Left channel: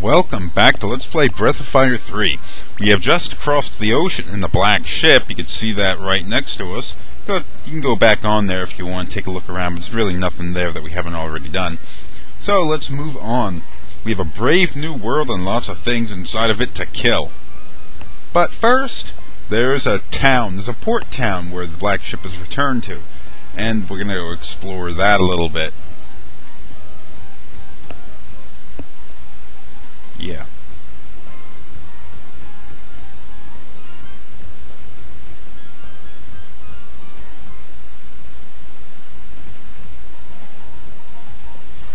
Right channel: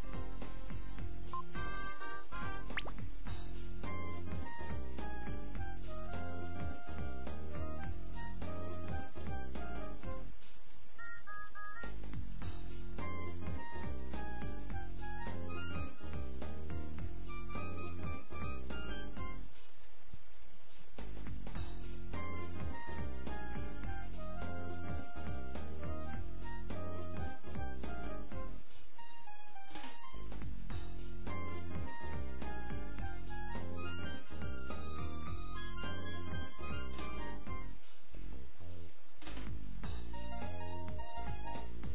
Welcome back to Let's Play Breath of Fire 3. We have just crossed the ocean in the black ship. You can see that right next to us. You can go back on there if you want to take a look around, but there's really nothing there that we haven't already done. So let's move on. We have a brave new world and lots of things inside of it to kill. But first, there's a town. There's a port town where the black ship is returned to. And we're going to go explore that a little bit. Yeah.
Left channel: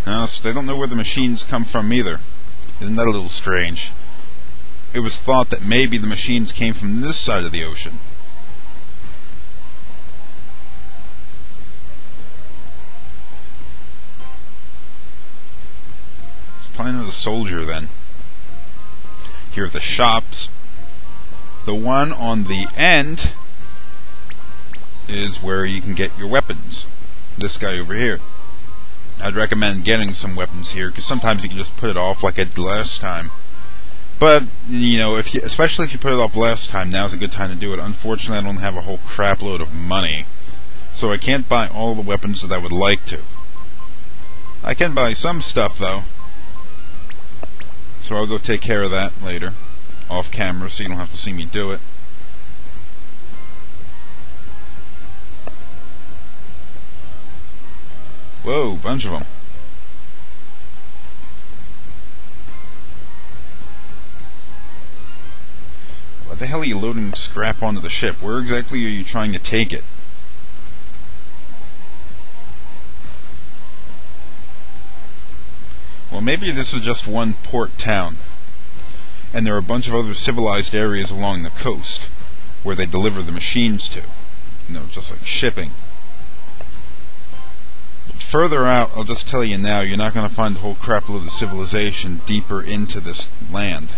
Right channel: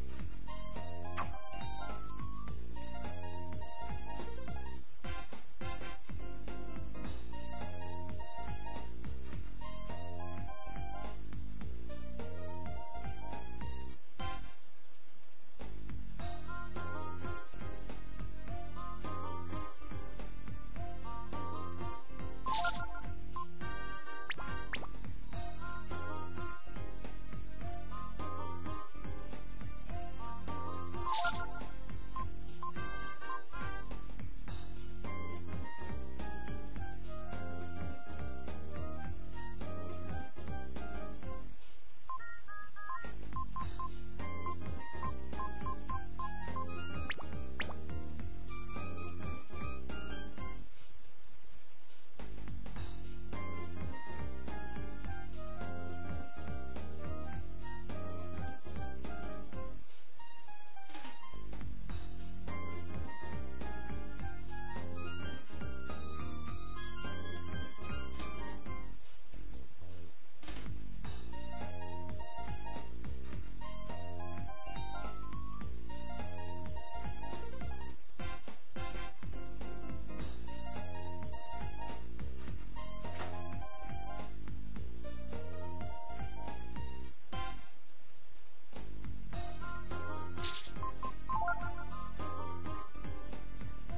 No, so they don't know where the machines come from either. Isn't that a little strange? It was thought that maybe the machines came from this side of the ocean. It's probably another soldier then. Here are the shops. The one on the end is where you can get your weapons. This guy over here. I'd recommend getting some weapons here, because sometimes you can just put it off like I did last time. But, you know, especially if you put it off last time, now's a good time to do it. Unfortunately, I don't have a whole crap load of money, so I can't buy all the weapons that I would like to. I can buy some stuff, though. So I'll go take care of that later, off camera, so you don't have to see me do it. Whoa, bunch of them. What the hell are you loading scrap onto the ship? Where exactly are you trying to take it? Well, maybe this is just one port town, and there are a bunch of other civilized areas along the coast where they deliver the machines to. You know, just like shipping. But further out, I'll just tell you now, you're not going to find a whole crapload of civilization deeper into this land.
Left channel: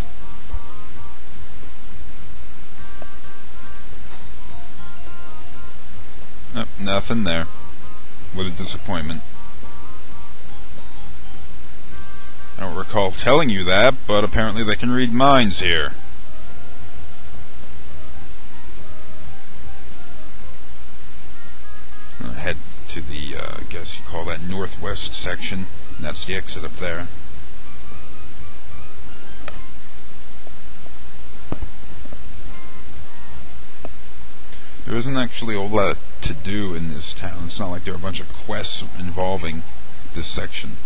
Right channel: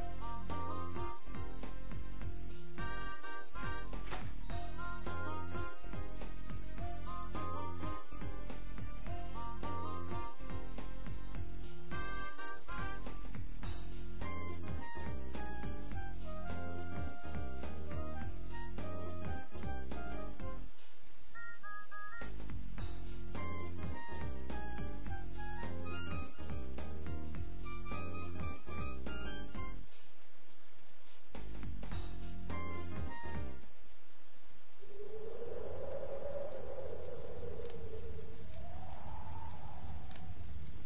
Nope, nothing there. What a disappointment. I don't recall telling you that, but apparently they can read minds here. I'm gonna head to the, I guess you call that northwest section, and that's the exit up there. There isn't actually a whole lot to do in this town. It's not like there are a bunch of quests involving this section.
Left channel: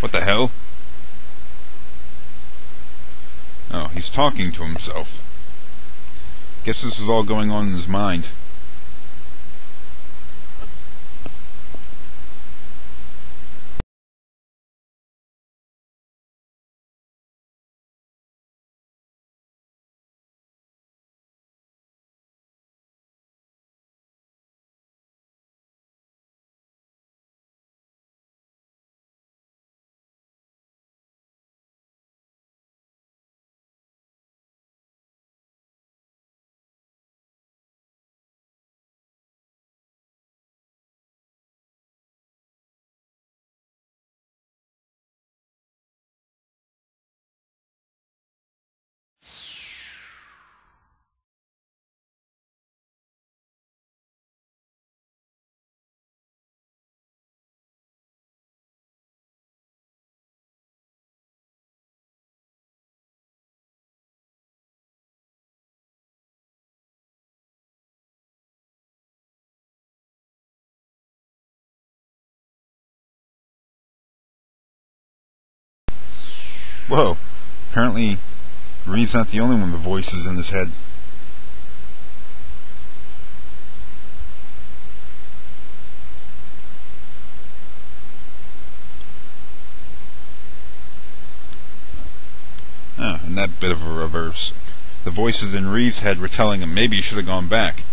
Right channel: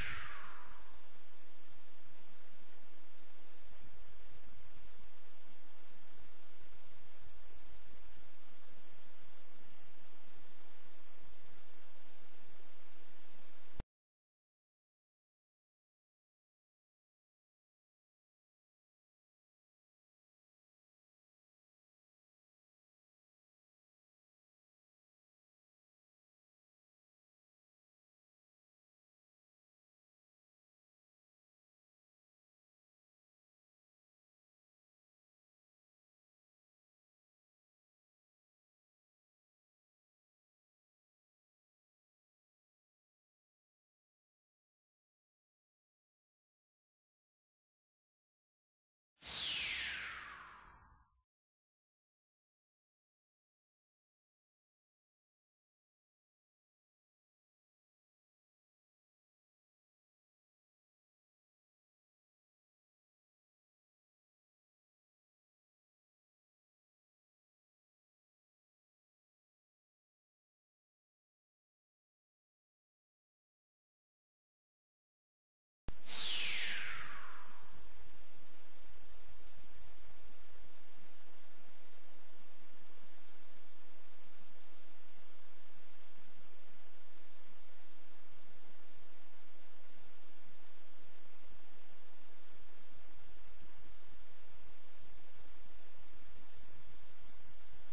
What the hell? Oh, he's talking to himself. Guess this is all going on in his mind. Whoa, apparently Reed's not the only one with voices in his head. And that bit of a reverse. The voices in Reed's head were telling him maybe you should have gone back.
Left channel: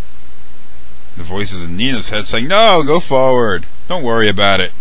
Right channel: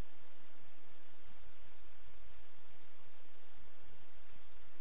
The voices in Nina's head saying, "No, go forward. Don't worry about it."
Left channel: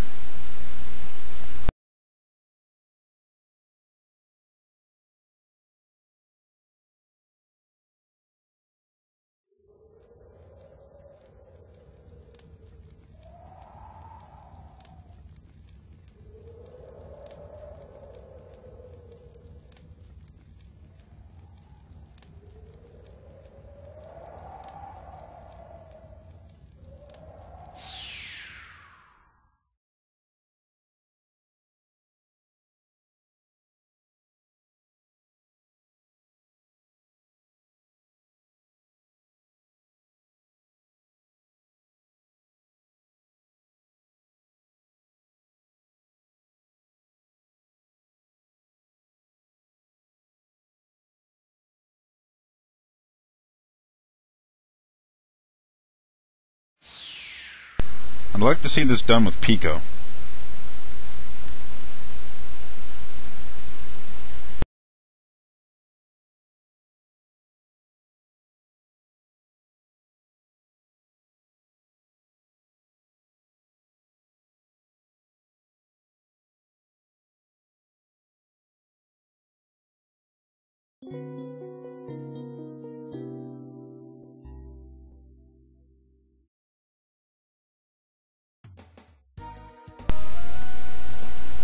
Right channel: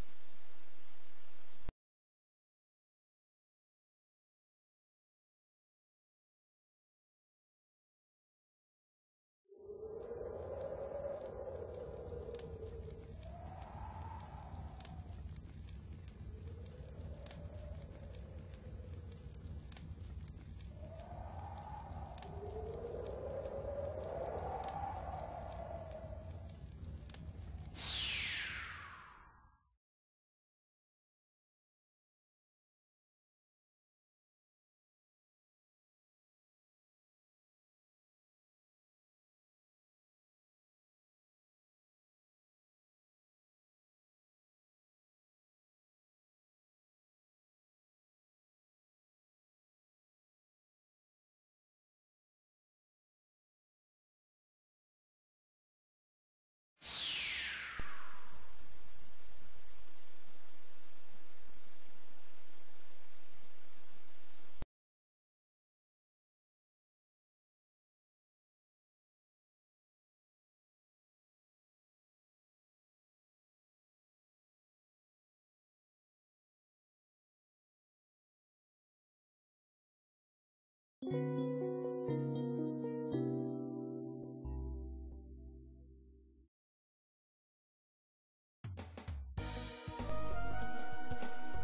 I'd like to see this done with Pico.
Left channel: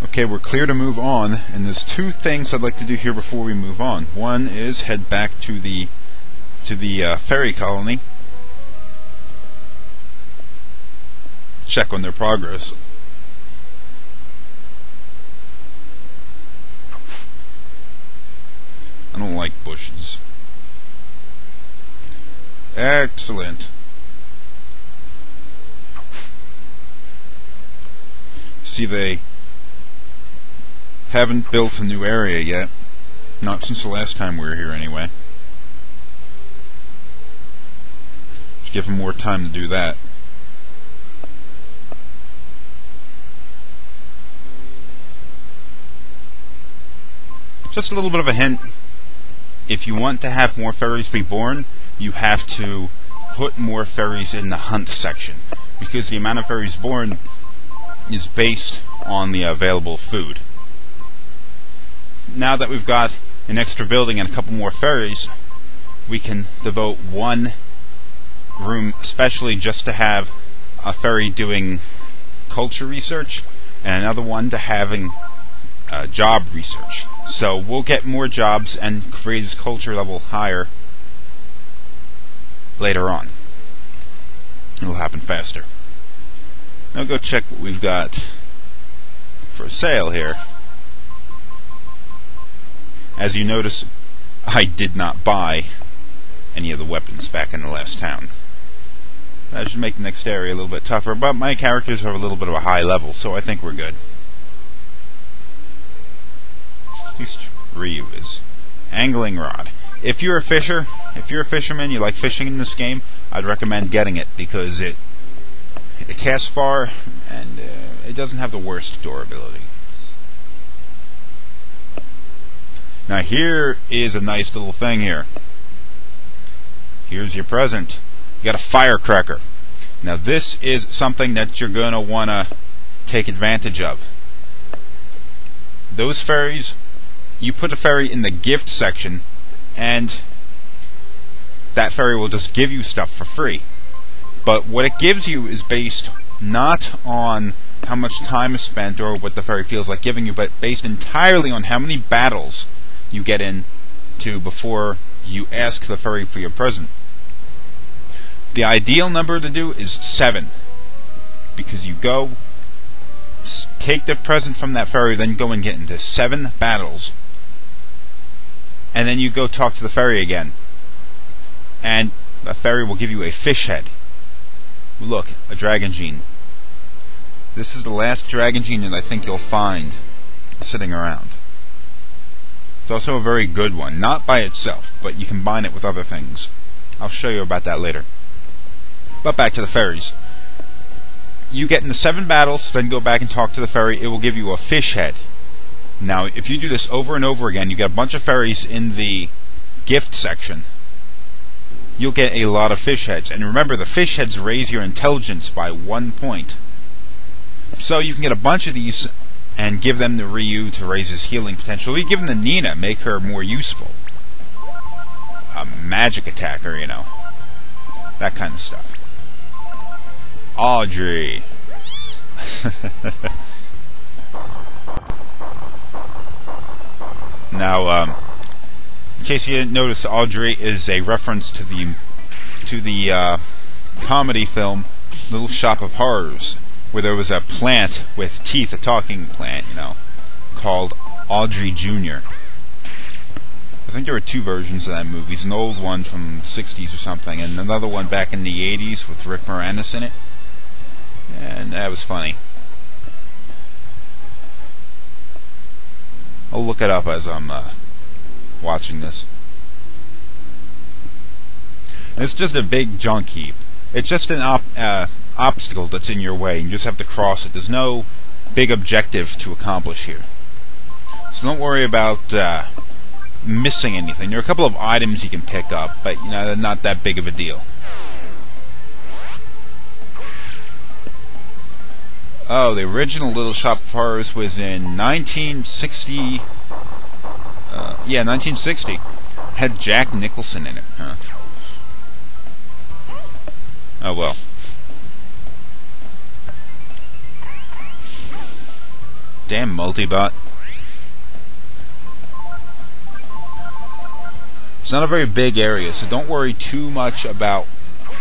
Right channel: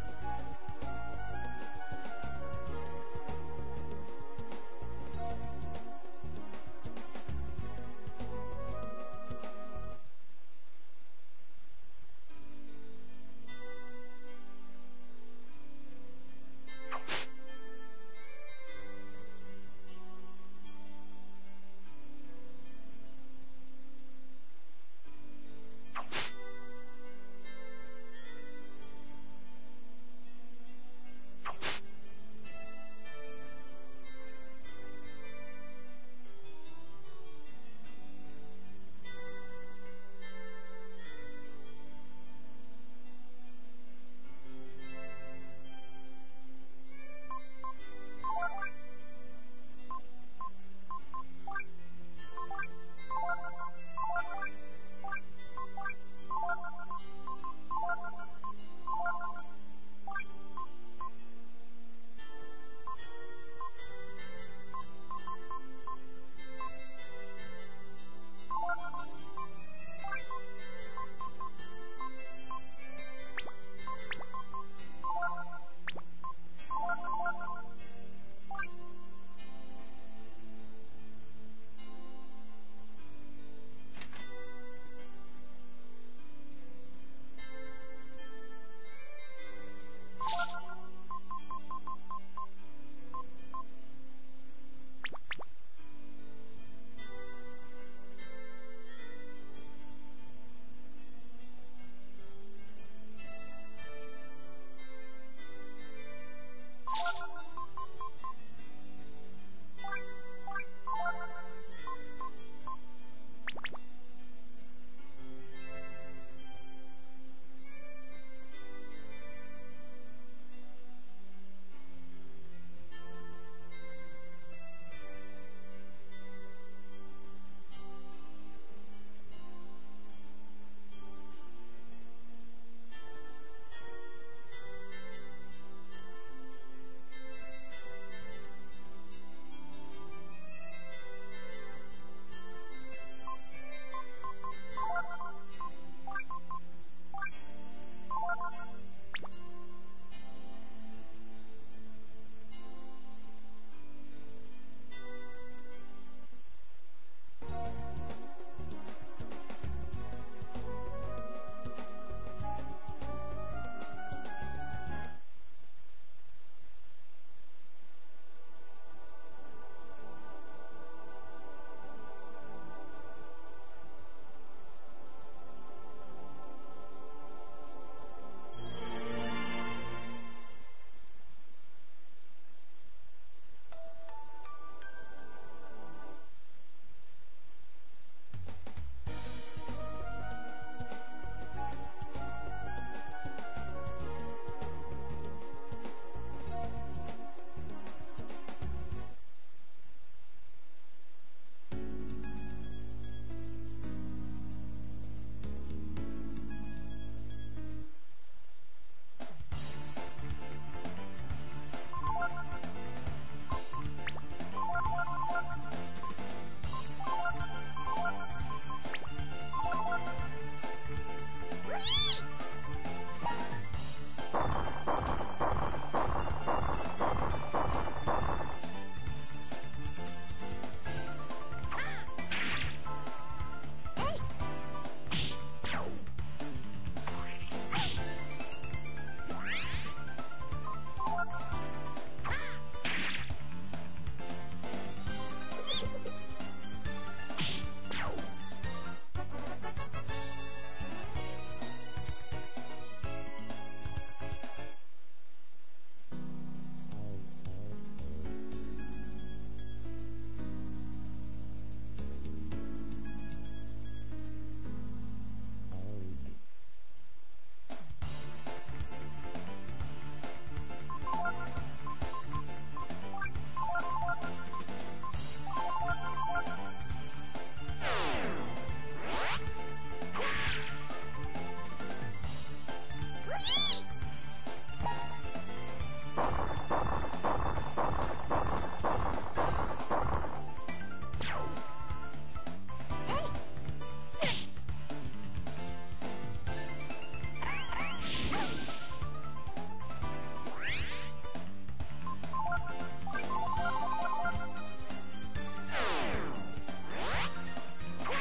Okay, we're clear to move on, and there's two things I'd like to do here before we move on. One is head back to the Ferry Colony, check on their progress. I don't like bushes. Excellent. See, they haven't built a new area yet. Not since the last time we were here, anyway. Just give them more time to do that. Just a little bit of a hint. If you want to have more ferries be born, you have to put more ferries in the hunt section, because the amount of ferries born is based on the available food. Now that we've got an extra building and a couple more ferries, we can devote one room especially just to have a ferry doing culture research, and another one to having job research. So we'll get more jobs and raise his culture level higher later on. It'll happen faster. Now go check what we've got for sale here. As you notice, I did not buy any of the weapons back in the last town. That should make the next area a little bit tougher, but my characters are a little bit of a high level, so I think we're good. At least Ryu is. Angling rod. If you're a fisherman, you like fishing in this game, I'd recommend getting it, because it casts far, and it doesn't have the worst durability. Now here is a nice little thing here. Here's your present. You got a firecracker. Now this is something that you're going to want to take advantage of. Those ferries, you put a ferry in the gift section, and that ferry will just give you stuff for free. But what it gives you is based not on how much time is spent or what the ferry feels like giving you, but based entirely on how many battles you get into before you ask the ferry for your present. The ideal number to do is 7, because you go take the present from that ferry, then go and get into 7 battles, and then you go talk to the ferry again, and the ferry will give you a fish head. Look, a dragon gene. This is the last dragon gene that I think you'll find sitting around. It's also a very good one, not by itself, but you combine it with other things. I'll show you about that later. But back to the ferries. You get into 7 battles, then go back and talk to the ferry. It will give you a fish head. Now, if you do this over and over again, you get a bunch of ferries in the gift section. you'll get a lot of fish heads. And remember, the fish heads raise your intelligence by 1 point. So you can get a bunch of these and give them to Ryu to raise his healing potential. You give them to Nina, make her more useful. A magic attacker, you know. That kind of stuff. Audrey. Now, in case you didn't notice, Audrey is a reference to the comedy film Little Shop of Horrors, where there was a plant with teeth, a talking plant, you know, called Audrey Jr. I think there were 2 versions of that movie. It's an old one from the 60s or something, and another one back in the 80s with Rick Moranis in it. And that was funny. I'll look it up as I'm watching this. It's just a big junk heap. It's just an obstacle that's in your way, and you just have to cross it. There's no big objective to accomplish here. So don't worry about missing anything. There are a couple of items you can pick up, but you know, they're not that big of a deal. Oh, the original Little Shop of Horrors was in 1960. 1960. Had Jack Nicholson in it, huh? Oh well. Damn multibot. It's not a very big area, so don't worry too much about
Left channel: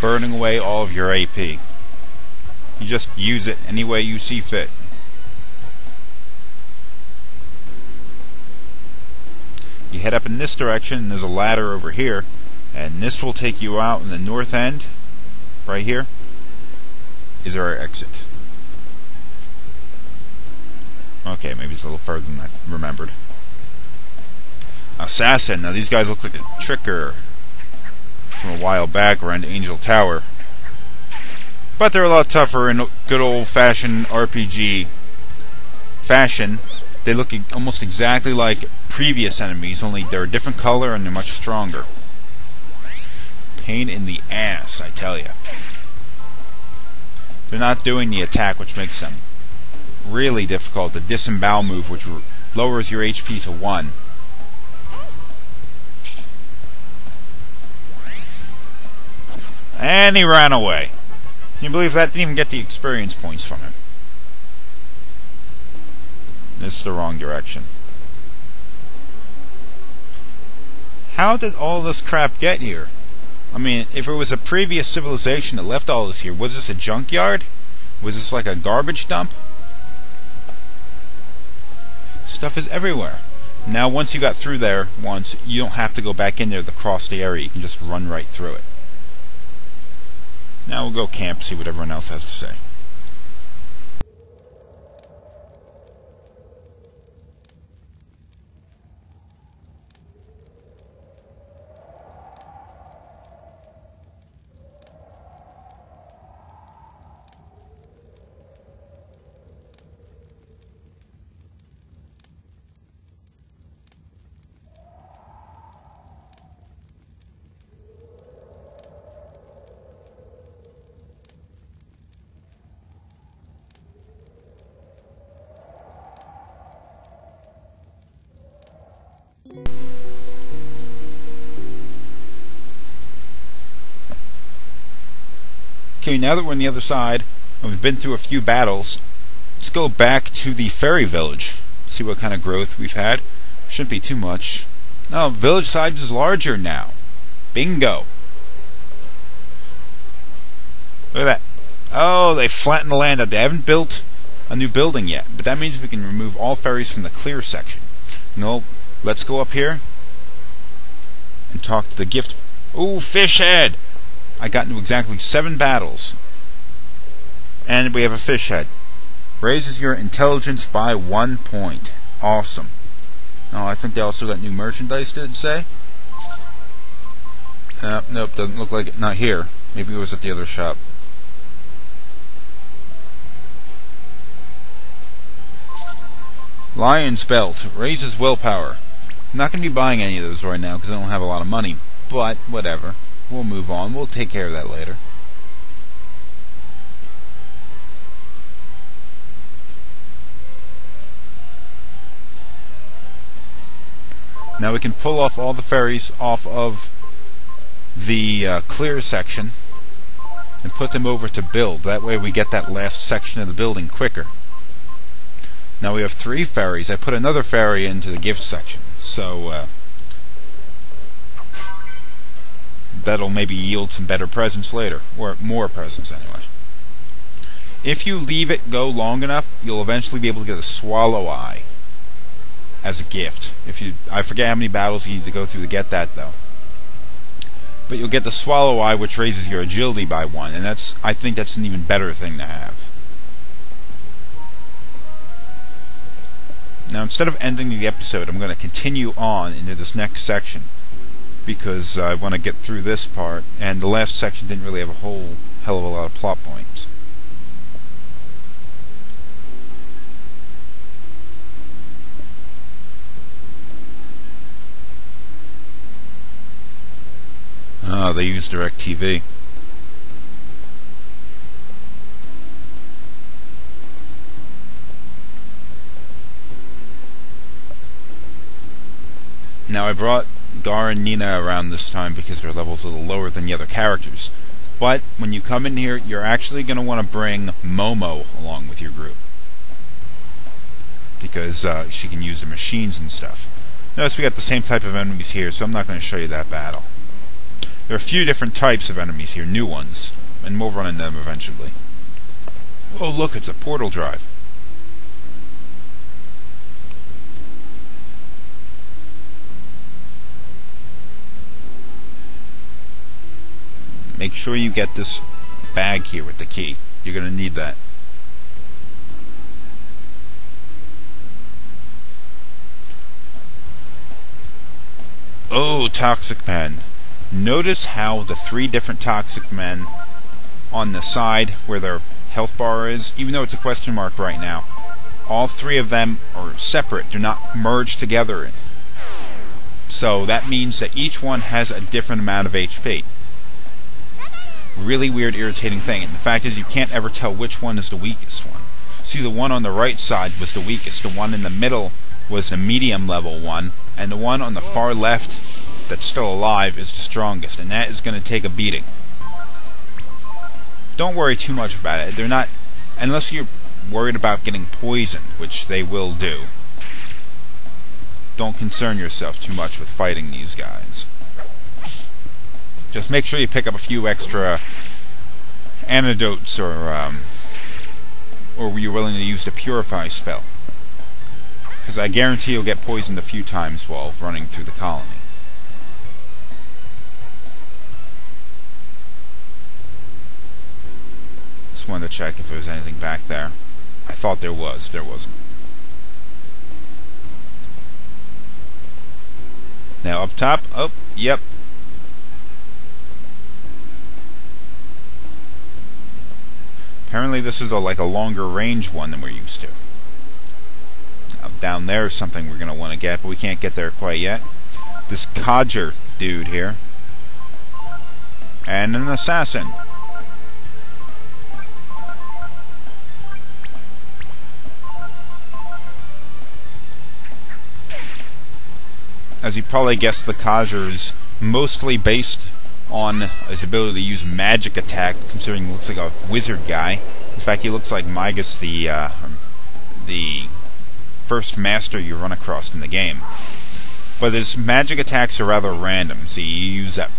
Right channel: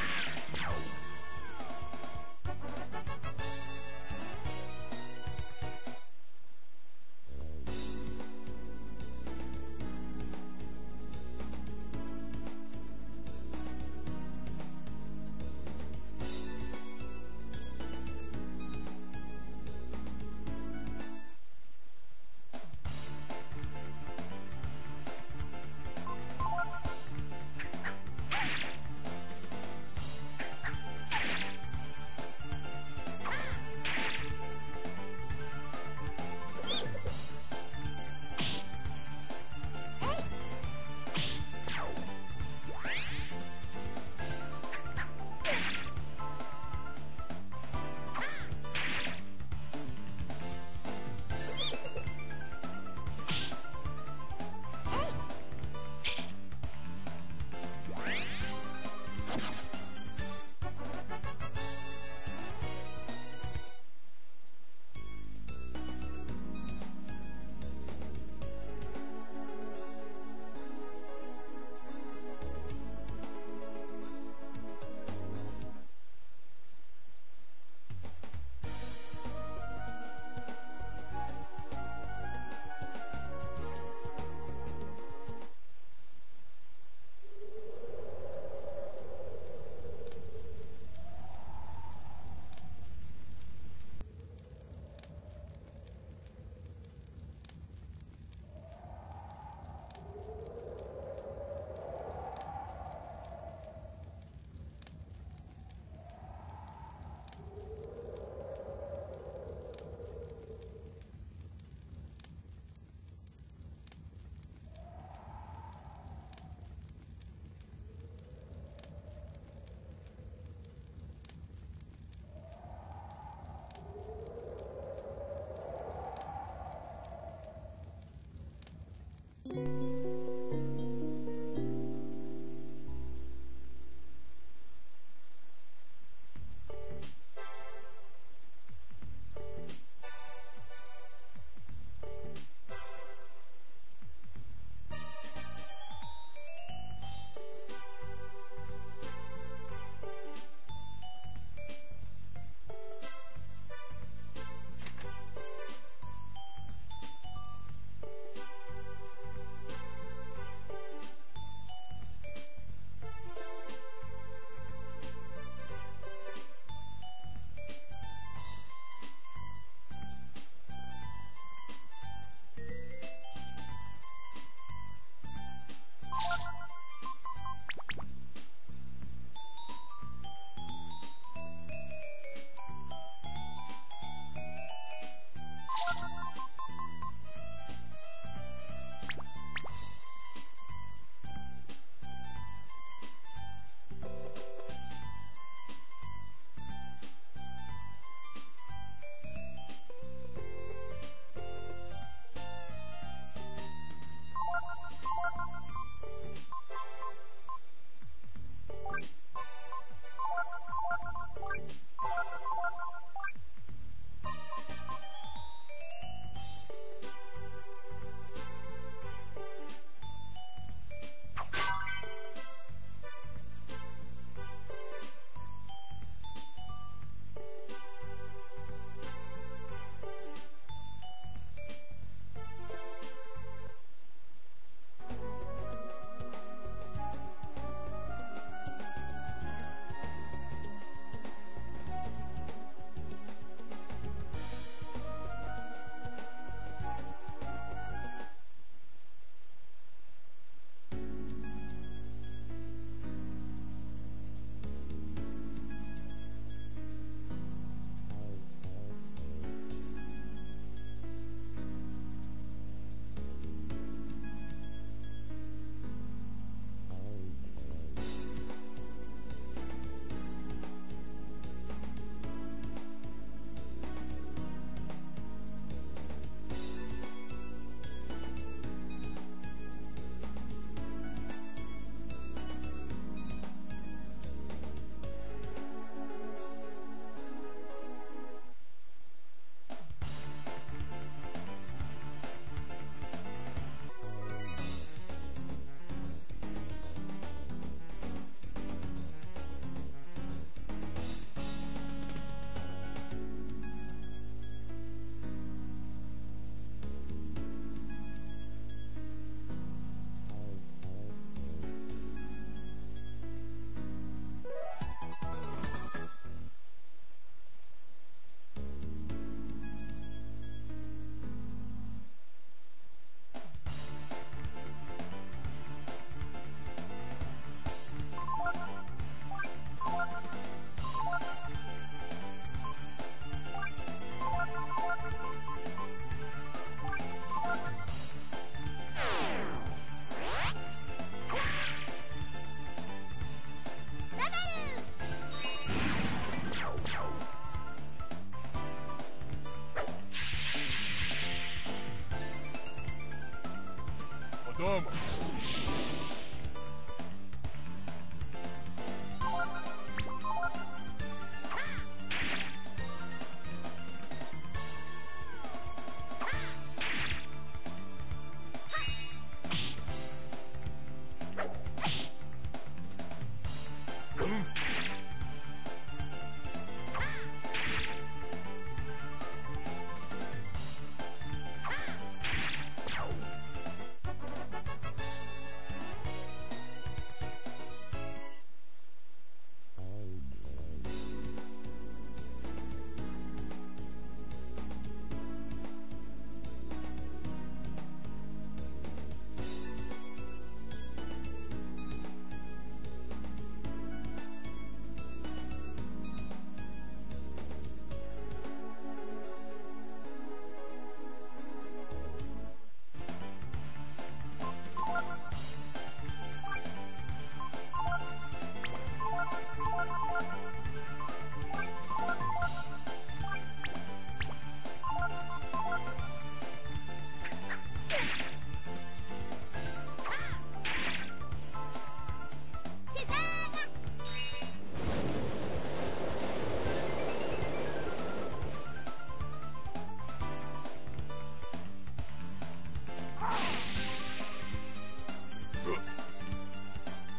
burning away all of your AP. You just use it any way you see fit. You head up in this direction, and there's a ladder over here, and this will take you out in the north end. Right here is our exit. Okay, maybe it's a little further than I remembered. Assassin. Now these guys look like a tricker from a while back around Angel Tower. But they're a lot tougher in good old-fashioned RPG fashion. They look almost exactly like previous enemies, only they're a different color and they're much stronger. Pain in the ass, I tell you. They're not doing the attack, which makes them really difficult. The disembowel move, which lowers your HP to 1. And he ran away. Can you believe that? Didn't even get the experience points from him. This is the wrong direction. How did all this crap get here? I mean, if it was a previous civilization that left all this here, was this a junkyard? Was this like a garbage dump? Stuff is everywhere. Now, once you got through there once, you don't have to go back in there to cross the area. You can just run right through it. Now we'll go camp, see what everyone else has to say. Okay, now that we're on the other side, and we've been through a few battles, let's go back to the Ferry Village. See what kind of growth we've had. Shouldn't be too much. No, village size is larger now. Bingo. Look at that. Oh, they flattened the land out. They haven't built a new building yet, but that means we can remove all ferries from the clear section. No, let's go up here and talk to the gift. Ooh, fish head! I got into exactly 7 battles. And we have a fish head. Raises your intelligence by 1 point. Awesome. Oh, I think they also got new merchandise, did it say? Nope, doesn't look like it. Not here. Maybe it was at the other shop. Lion's Belt. Raises willpower. I'm not going to be buying any of those right now because I don't have a lot of money. But, whatever. We'll move on. We'll take care of that later. Now we can pull off all the ferries off of the clear section and put them over to build. That way we get that last section of the building quicker. Now we have 3 ferries. I put another ferry into the gift section, so that'll maybe yield some better presents later, or more presents anyway. If you leave it go long enough, you'll eventually be able to get a swallow eye as a gift. I forget how many battles you need to go through to get that though. But you'll get the swallow eye, which raises your agility by 1, and I think that's an even better thing to have. Now, instead of ending the episode, I'm going to continue on into this next section, because I want to get through this part, and the last section didn't really have a whole hell of a lot of plot points. They use DirecTV. Now I brought Gar and Nina around this time because their level's a little lower than the other characters. But when you come in here, you're actually going to want to bring Momo along with your group, because she can use the machines and stuff. Notice we got the same type of enemies here, so I'm not going to show you that battle. There are a few different types of enemies here, new ones, and we'll run into them eventually. Oh look, it's a portal drive. Make sure you get this bag here with the key. You're going to need that. Oh, Toxic Men. Notice how the 3 different Toxic Men on the side where their health bar is, even though it's a question mark right now, all 3 of them are separate. They're not merged together. So that means that each one has a different amount of HP. Really weird, irritating thing. And the fact is, you can't ever tell which one is the weakest one. See, the one on the right side was the weakest. The one in the middle was the medium level one, and the one on the far left that's still alive is the strongest, and that is going to take a beating. Don't worry too much about it. They're not, unless you're worried about getting poisoned, which they will do. Don't concern yourself too much with fighting these guys. Just make sure you pick up a few extra antidotes, or you're willing to use the Purify spell, because I guarantee you'll get poisoned a few times while running through the colony. Just wanted to check if there was anything back there. I thought there was. There wasn't. Now up top. Oh, yep. Apparently this is like a longer range one than we're used to. Up down there is something we're going to want to get, but we can't get there quite yet. This codger dude here. And an assassin. As you probably guessed, the codger is mostly based on his ability to use magic attack, considering he looks like a wizard guy. In fact, he looks like Migas, the first master you run across in the game. But his magic attacks are rather random. See, you use that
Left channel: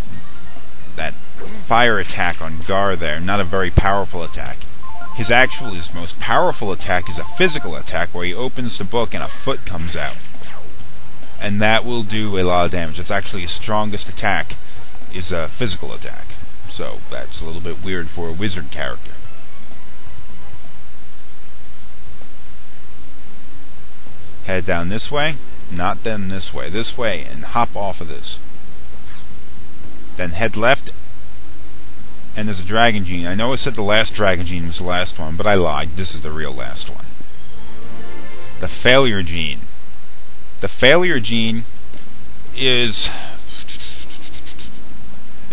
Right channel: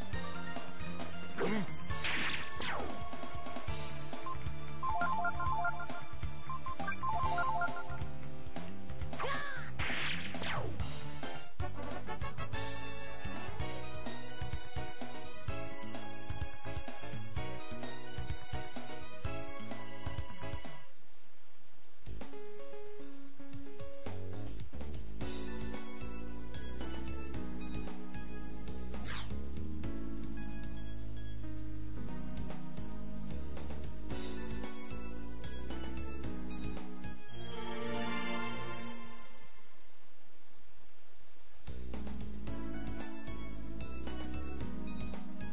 fire attack on Gar there, not a very powerful attack. His most powerful attack is a physical attack, where he opens the book and a foot comes out. And that will do a lot of damage. It's actually his strongest attack is a physical attack. So that's a little bit weird for a wizard character. Head down this way. Not then this way, and hop off of this. Then head left, and there's a Dragon Gene. I know I said the last Dragon Gene was the last one, but I lied. This is the real last one. The Failure Gene. The Failure Gene is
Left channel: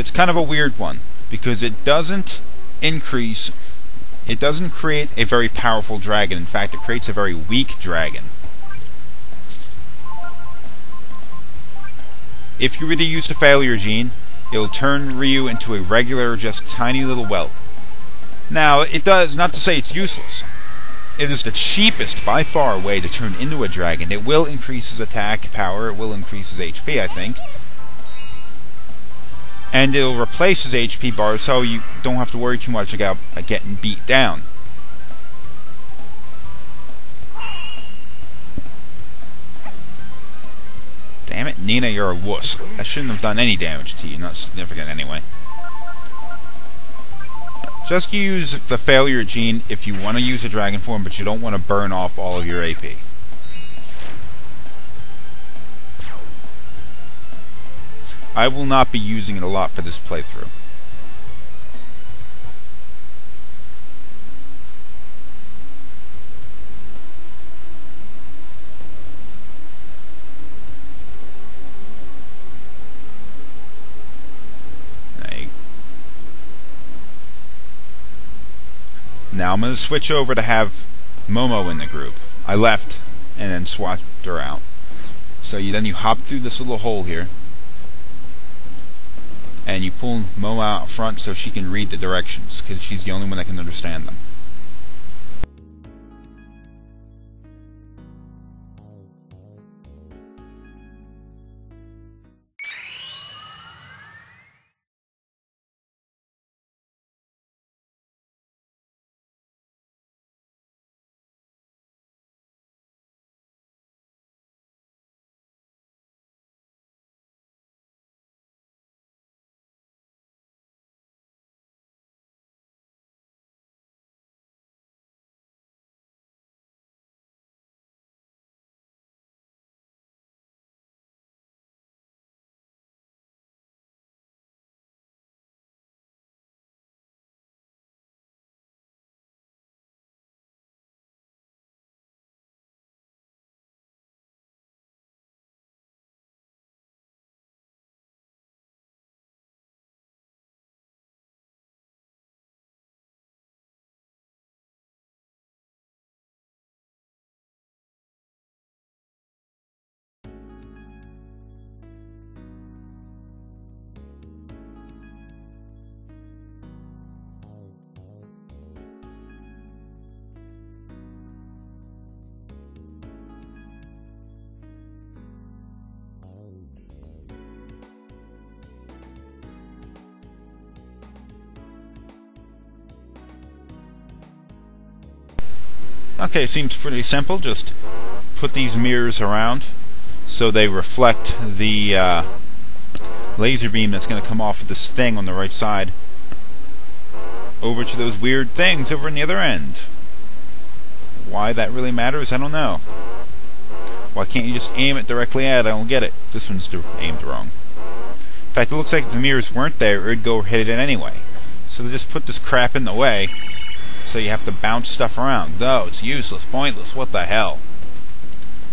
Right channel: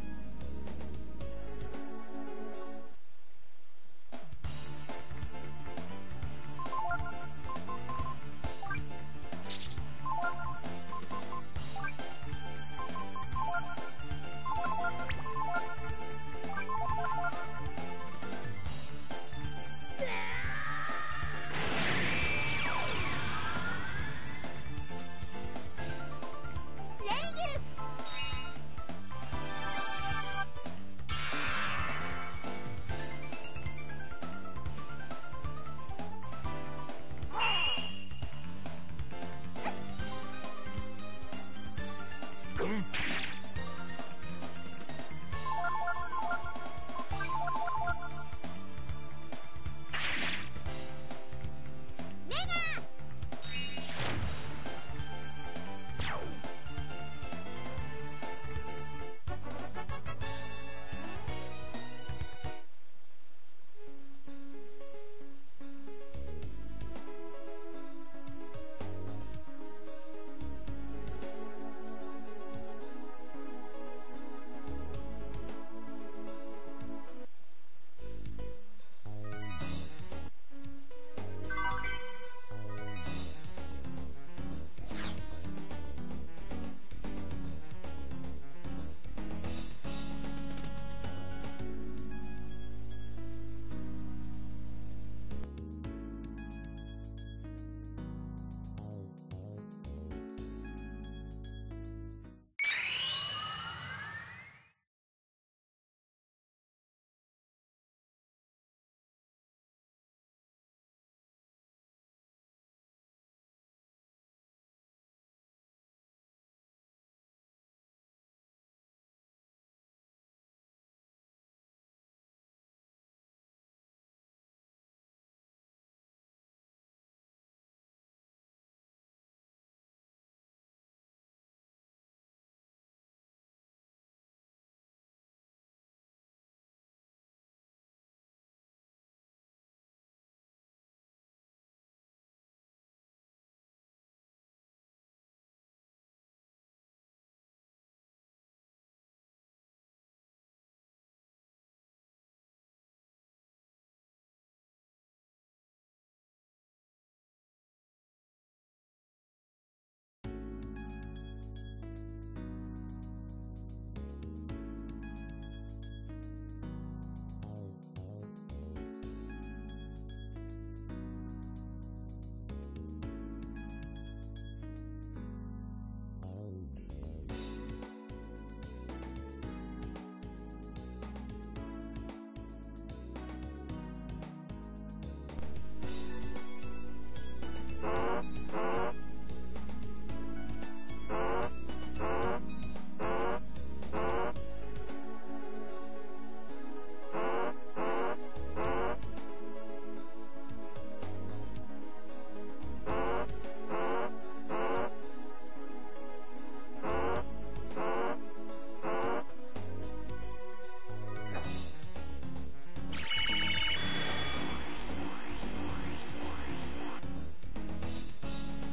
It's kind of a weird one, because it doesn't create a very powerful dragon. In fact, it creates a very weak dragon. If you were to use the failure gene, it'll turn Ryu into a regular, just tiny little whelp. Now, it does, not to say it's useless. It is the cheapest, by far, way to turn into a dragon. It will increase his attack power, it will increase his HP, I think. And it'll replace his HP bar, so you don't have to worry too much about getting beat down. Damn it, Nina, you're a wuss. That shouldn't have done any damage to you, not significant anyway. Just use the failure gene if you want to use a dragon form, but you don't want to burn off all of your AP. I will not be using it a lot for this playthrough. Now I'm going to switch over to have Momo in the group. I left and then swapped her out. So then you hop through this little hole here, and you pull Momo out front so she can read the directions, because she's the only one that can understand them. Okay, seems pretty simple. Just put these mirrors around so they reflect the laser beam that's going to come off of this thing on the right side over to those weird things over on the other end. Why that really matters, I don't know. Why can't you just aim it directly at it? I don't get it. This one's aimed wrong. In fact, it looks like if the mirrors weren't there, it would go hit it anyway. So they just put this crap in the way, so you have to bounce stuff around. No, it's useless, pointless, what the hell.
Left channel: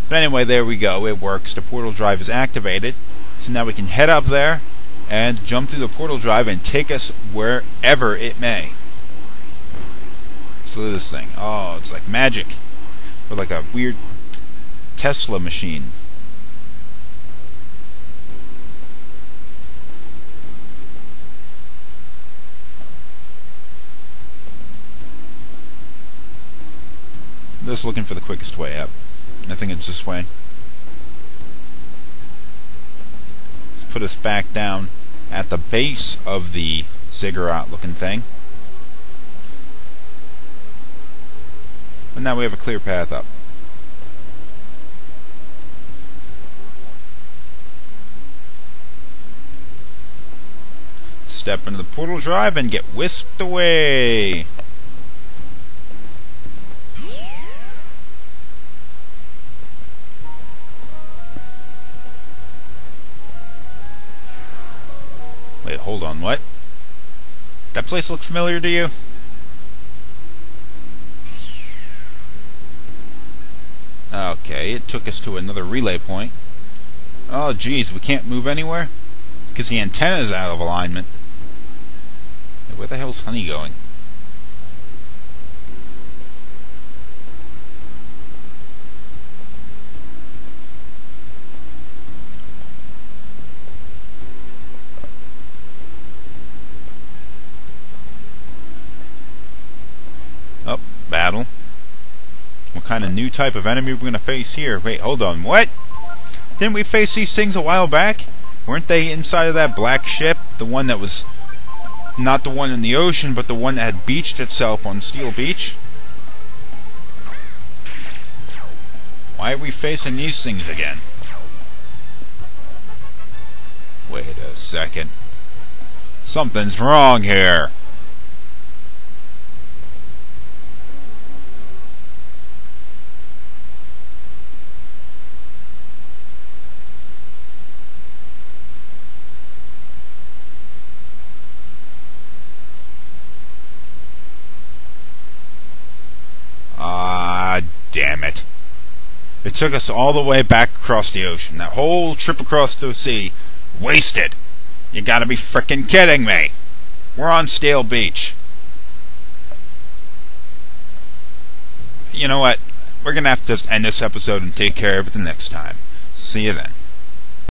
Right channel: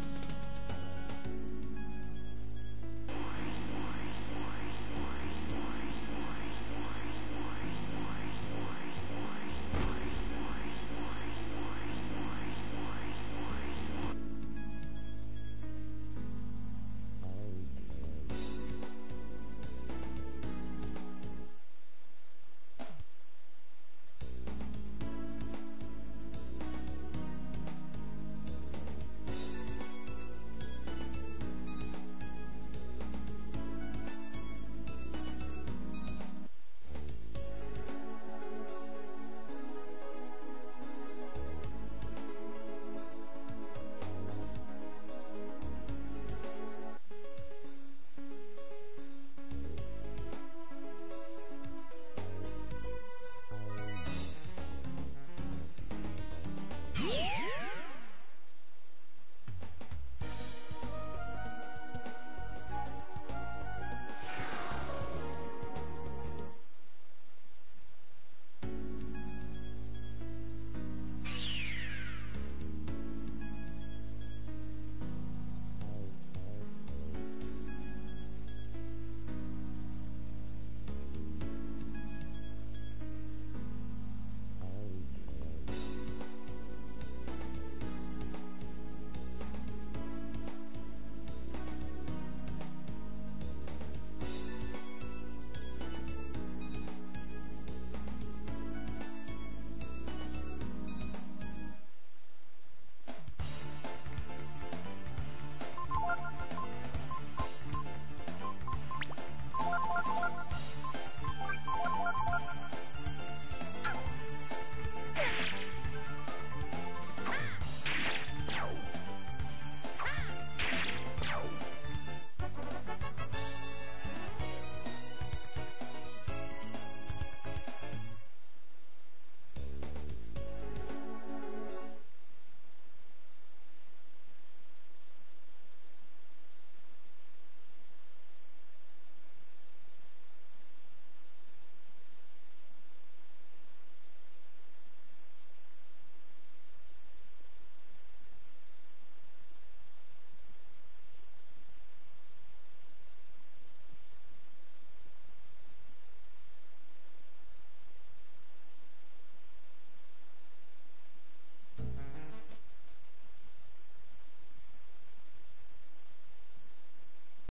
But anyway, there we go, it works. The portal drive is activated. So now we can head up there and jump through the portal drive and take us wherever it may. So look at this thing. Oh, it's like magic. Or like a weird Tesla machine. Just looking for the quickest way up. I think it's this way. Let's put us back down at the base of the ziggurat looking thing. And now we have a clear path up. Step into the portal drive and get whisked away. Wait, hold on, what? That place look familiar to you? Okay, it took us to another relay point. Oh geez, we can't move anywhere? Because the antenna is out of alignment. Where the hell's Honey going? Oh, battle. What kind of new type of enemy we're gonna face here? Wait, hold on, what? Didn't we face these things a while back? Weren't they inside of that black ship? The one that was not the one in the ocean, but the one that had beached itself on Steel Beach? Why are we facing these things again? Wait a second. Something's wrong here. Damn it. It took us all the way back across the ocean. That whole trip across the sea. Wasted. You gotta be frickin' kidding me. We're on Steel Beach. You know what? We're gonna have to just end this episode and take care of it the next time. See you then.